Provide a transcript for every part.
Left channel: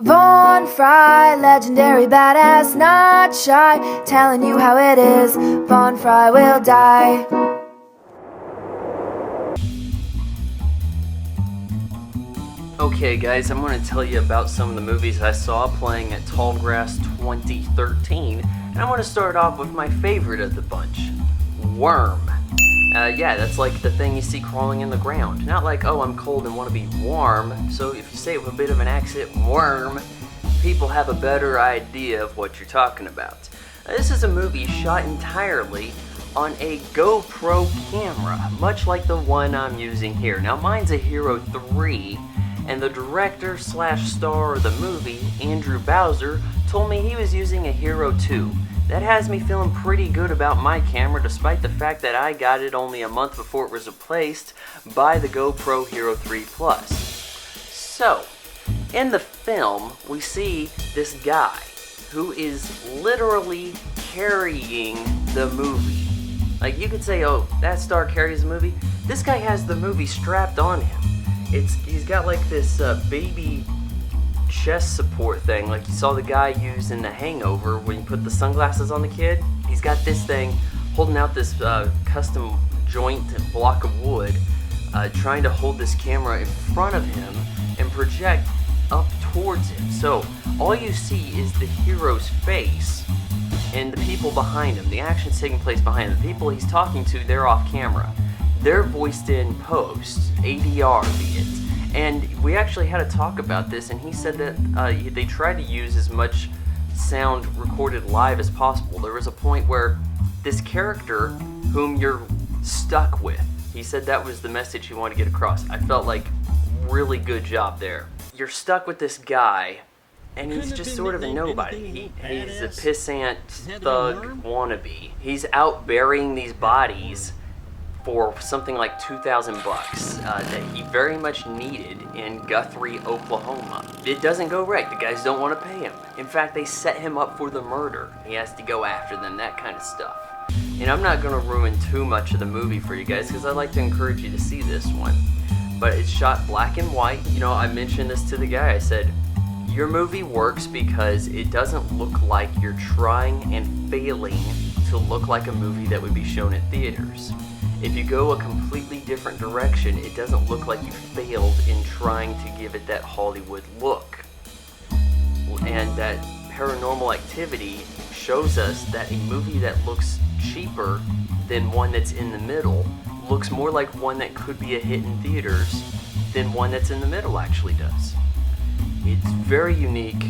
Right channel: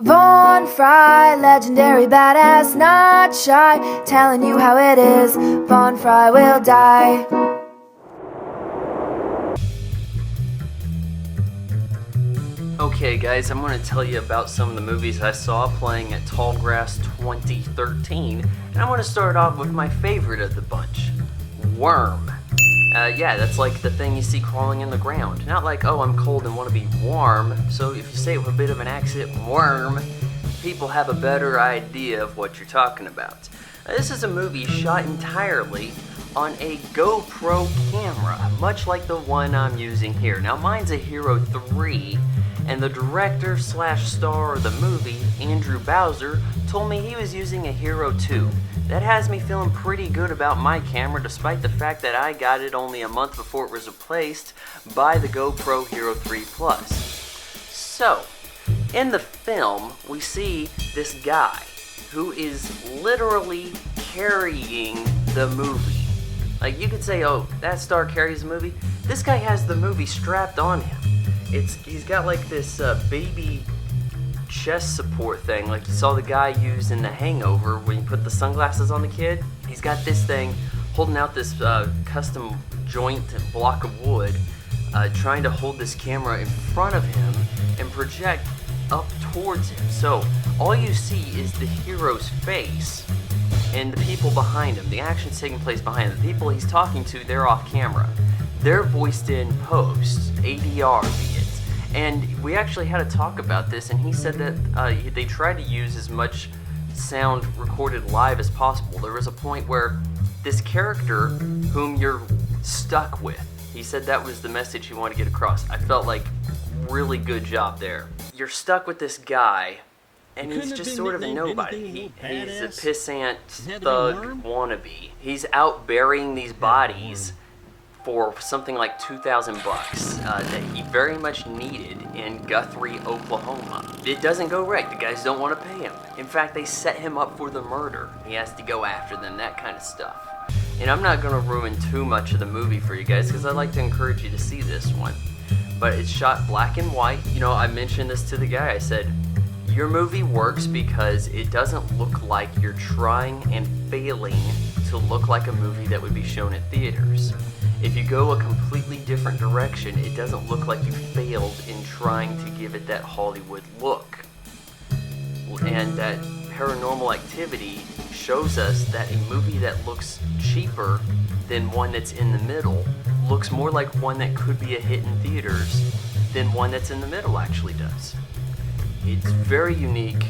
Von Fry, legendary badass, not shy, telling you how it is, Von Fry will die. Okay guys, I'm going to tell you about some of the movies I saw playing at Tallgrass 2013, and I'm going to start off with my favorite of the bunch, Worm. Yeah, that's like the thing you see crawling in the ground. Not like, oh, I'm cold and want to be warm, so if you say it with a bit of an accent, worm, people have a better idea of what you're talking about. This is a movie shot entirely on a GoPro camera, much like the one I'm using here. Now mine's a Hero 3, and the director / star of the movie, Andrew Bowser, told me he was using a Hero 2. That has me feeling pretty good about my camera, despite the fact that I got it only a month before it was replaced by the GoPro Hero 3 Plus. So, in the film, we see this guy who is literally carrying the movie. Like, you could say, oh, that star carries the movie. This guy has the movie strapped on him. He's got like this baby chest support thing, like you saw the guy use in The Hangover when you put the sunglasses on the kid. He's got this thing holding out this custom joint block of wood, trying to hold this camera in front of him and project up towards him. So all you see is the hero's face and the people behind him. The action's taking place behind him. The people he's talking to, they're off camera. They're voiced in post, ADR be it. And we actually had a talk about this, and he said that they tried to use as much sound recorded live as possible. There was a point where this character, whom you're stuck with, he said that was the message he wanted to get across. I felt like, really good job there. You're stuck with this guy, and he's just sort of a nobody. He's a pissant thug wannabe. He's out burying these bodies for something like $2,000 that he very much needed in Guthrie, Oklahoma. It doesn't go right. The guys don't want to pay him. In fact, they set him up for the murder. He has to go after them, that kind of stuff. And I'm not going to ruin too much of the movie for you guys because I'd like to encourage you to see this one. But it's shot black and white. You know, I mentioned this to the guy. I said, your movie works because it doesn't look like you're trying and failing to look like a movie that would be shown at theaters. If you go a completely different direction, it doesn't look like you failed in trying to give it that Hollywood look. And that Paranormal Activity shows us that a movie that looks cheaper than one that's in the middle looks more like one that could be a hit in theaters than one that's in the middle actually does. It's very unique.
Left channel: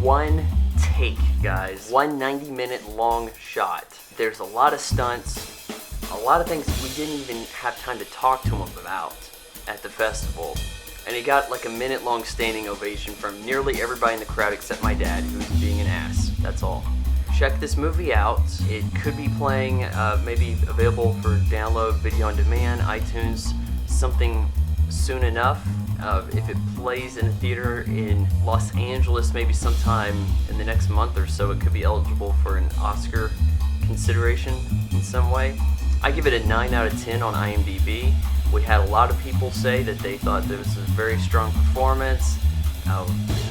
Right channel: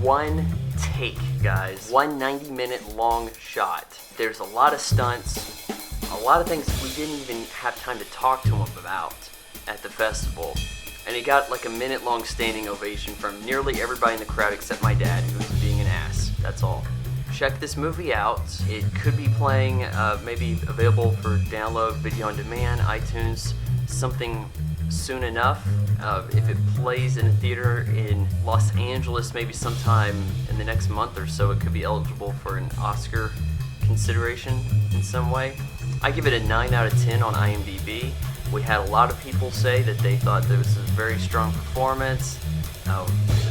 One take, guys. One 90-minute long shot. There's a lot of stunts. A lot of things we didn't even have time to talk to him about at the festival. And he got like a minute-long standing ovation from nearly everybody in the crowd except my dad, who's being an ass. That's all. Check this movie out. It could be playing, maybe available for download, video on demand, iTunes, something soon enough. If it plays in a theater in Los Angeles, maybe sometime in the next month or so, it could be eligible for an Oscar consideration in some way. I give it a 9 out of 10 on IMDb. We had a lot of people say that they thought this was a very strong performance,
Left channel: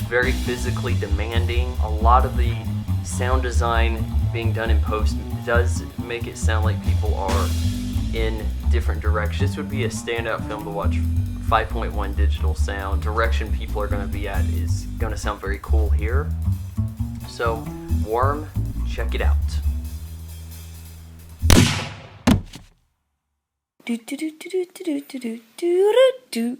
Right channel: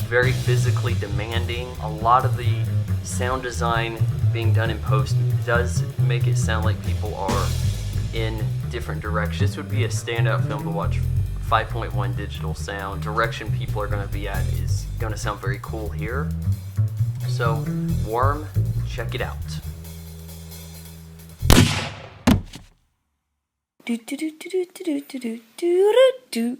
very physically demanding. A lot of the sound design being done in post does make it sound like people are in different directions. This would be a standout film to watch. 5.1 digital sound. Direction people are going to be at is going to sound very cool here. So, Worm, check it out. Do do do do do do do do do do.